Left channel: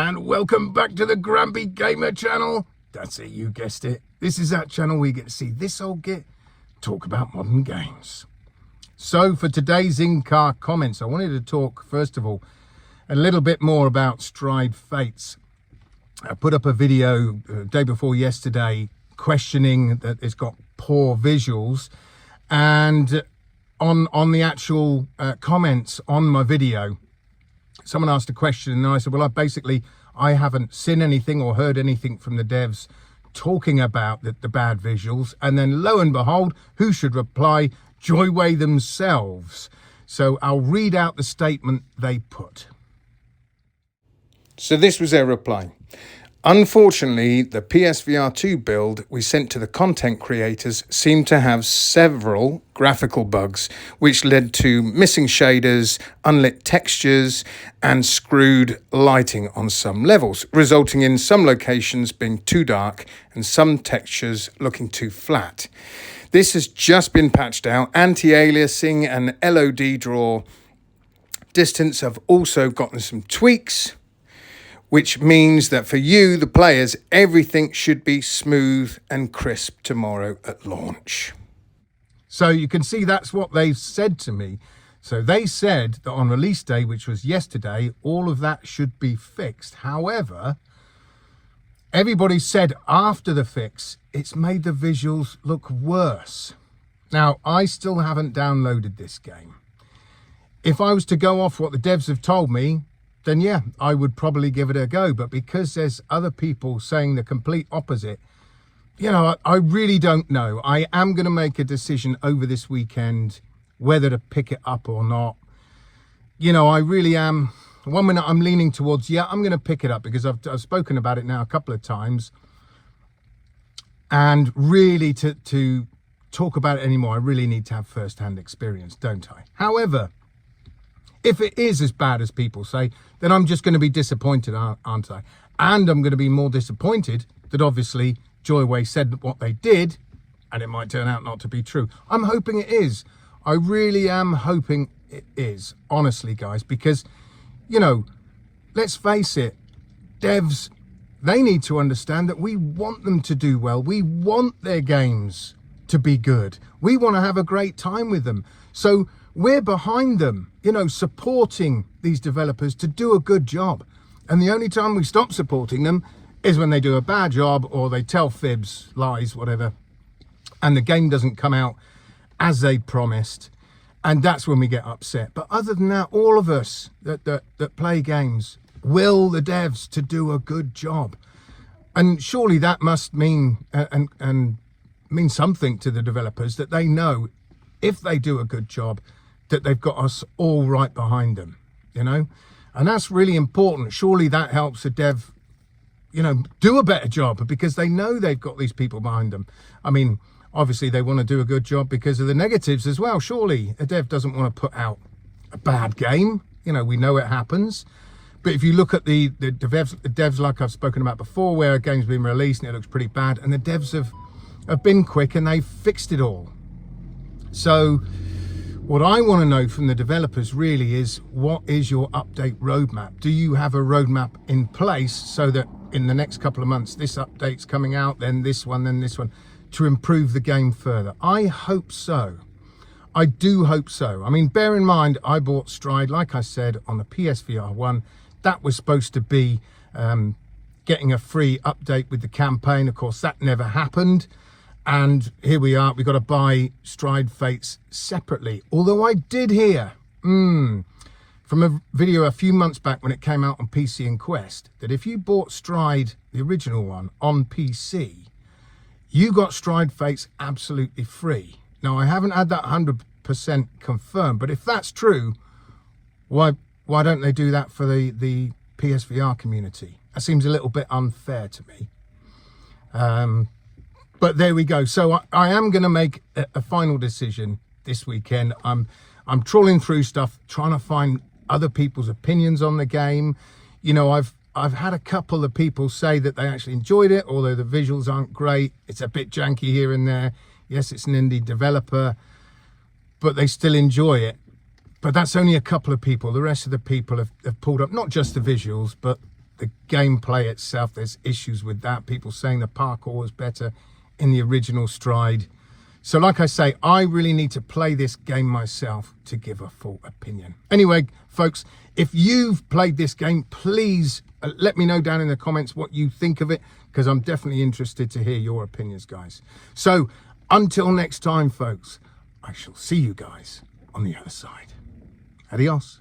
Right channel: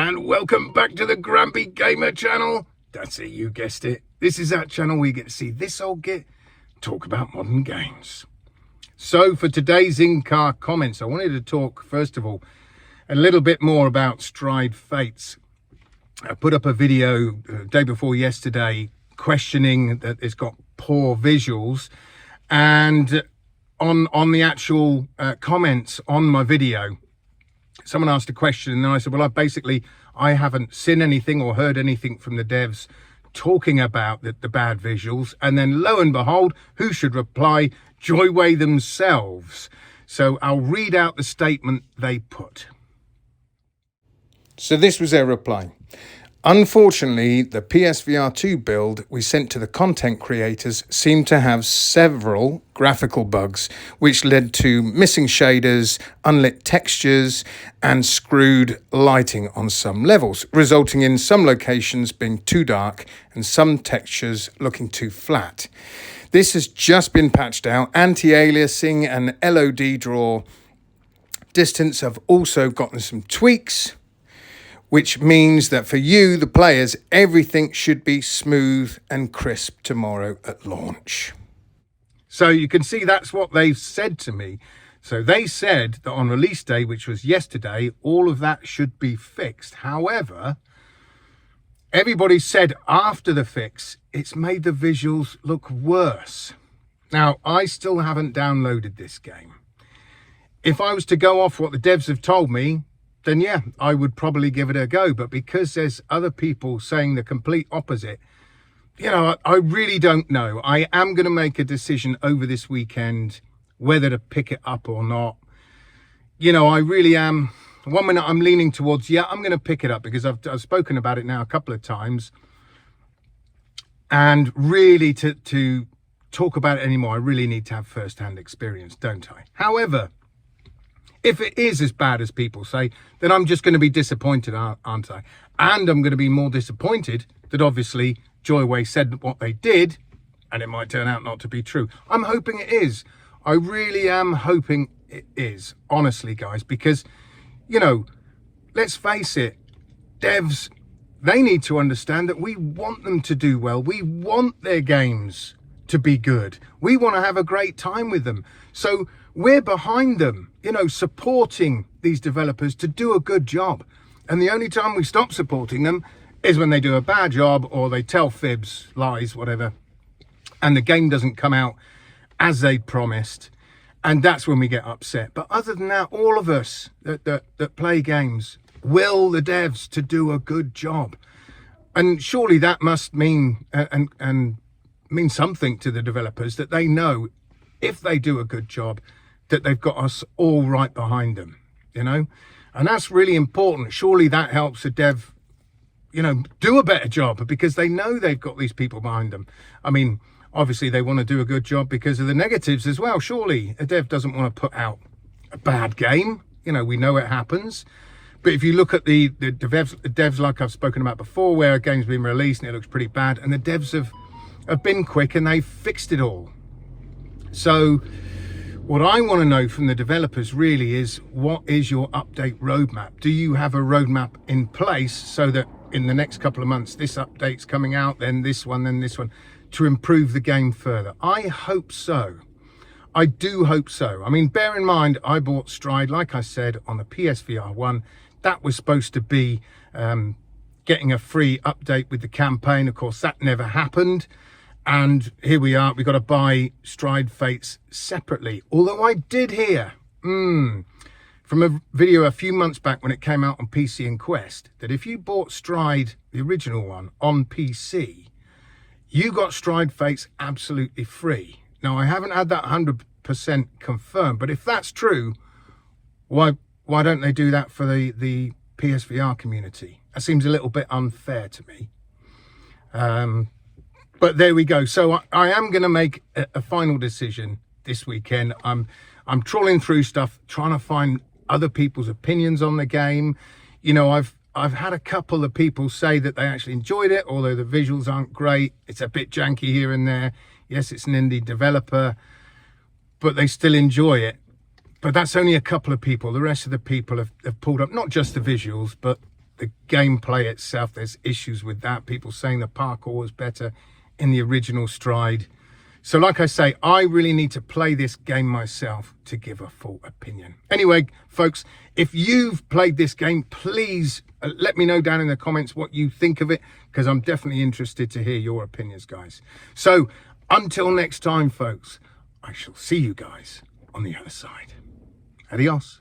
and welcome back to the Grumpy Gamer channel. That's it, you guessed it. This is that channel where you get to see this old git talk about modern games. So for today's in-car comments, I wanted to talk, first of all, a little bit more about Stride Fates. I put up a video day before yesterday questioning that it's got poor visuals, and on the actual comments on my video, someone asked a question, and then I said, well, I haven't seen anything or heard anything from the devs talking about the bad visuals. And then lo and behold, who should reply? Joyway themselves. So I'll read out the statement they put. So this was their reply. Unfortunately, the PSVR 2 build we sent to the content creators seemed to have several graphical bugs, which led to missing shaders, unlit textures, and screwed lighting on some levels, resulting in some locations being too dark and some textures looking too flat. This has just been patched out. Anti-aliasing and LOD draw distance have also gotten some tweaks, which means that for you, the players, everything should be smooth and crisp tomorrow at launch. So you can see that's what they've said to me. So they said that on release day, which was yesterday, all of that should be fixed. However, everybody said after the fix, it's made the visuals look worse. Now, I still haven't downloaded this game. If I was to go off what the devs have told me, then yeah, I would probably give it a go. But because there's other people saying the complete opposite, you know, I really don't know. I am going to make a decision over this weekend whether to pick it up or not. You know, I really am. One minute I'm leaning towards, yeah, I'm going to pick it up because I've spoken about it now a couple of times. And really to talk about it anymore, I really need to have first-hand experience, don't I? However, if it is as bad as people say, then I'm just going to be disappointed, aren't I? And I'm going to be more disappointed that obviously Joyway said what they did, and it might turn out not to be true. I'm hoping it is. I really am hoping it is, honestly, guys, because, you know, let's face it, devs, they need to understand that we want them to do well. We want their games to be good. We want to have a great time with them. So we're behind them, you know, supporting these developers to do a good job. And the only time we stop supporting them is when they do a bad job or they tell fibs, lies, whatever, and the game doesn't come out as they promised. And that's when we get upset. But other than that, all of us that play games will the devs to do a good job. And surely that must mean and mean something to the developers, that they know if they do a good job, that they've got us all right behind them, you know? And that's really important. Surely that helps a dev, you know, do a better job because they know they've got these people behind them. I mean, obviously they want to do a good job because of the negatives as well. Surely a dev doesn't want to put out a bad game. You know, we know it happens. But if you look at the devs like I've spoken about before, where a game's been released and it looks pretty bad, and the devs have been quick and they've fixed it all. So what I want to know from the developers really is, what is your update roadmap? Do you have a roadmap in place so that in the next couple of months, this update's coming out, then this one, to improve the game further? I hope so. I do hope so. I mean, bear in mind, I bought Stride, like I said, on the PSVR 1. That was supposed to be getting a free update with the campaign. Of course, that never happened. And here we are, we've got to buy Stride Fates separately. Although I did hear from a video a few months back when it came out on PC and Quest, that if you bought Stride, the original one, on PC, you got Stride Fates absolutely free. Now, I haven't had that 100% confirmed, but if that's true, why don't they do that for the PSVR community? That seems a little bit unfair to me. But there we go. So I am going to make a final decision this weekend. I'm trawling through stuff, trying to find other people's opinions on the game. You know, I've had a couple of people say that they actually enjoyed it, although the visuals aren't great. It's a bit janky here and there. Yes, it's an indie developer, but they still enjoy it. But that's only a couple of people. The rest of the people have pulled up not just the visuals, but The gameplay itself, there's issues with that. People saying the parkour was better in the original Stride. So like I say, I really need to play this game myself to give a full opinion. Anyway, folks, if you've played this game, please let me know down in the comments what you think of it, because I'm definitely interested to hear your opinions, guys. So until next time, folks, I shall see you guys on the other side. Adios.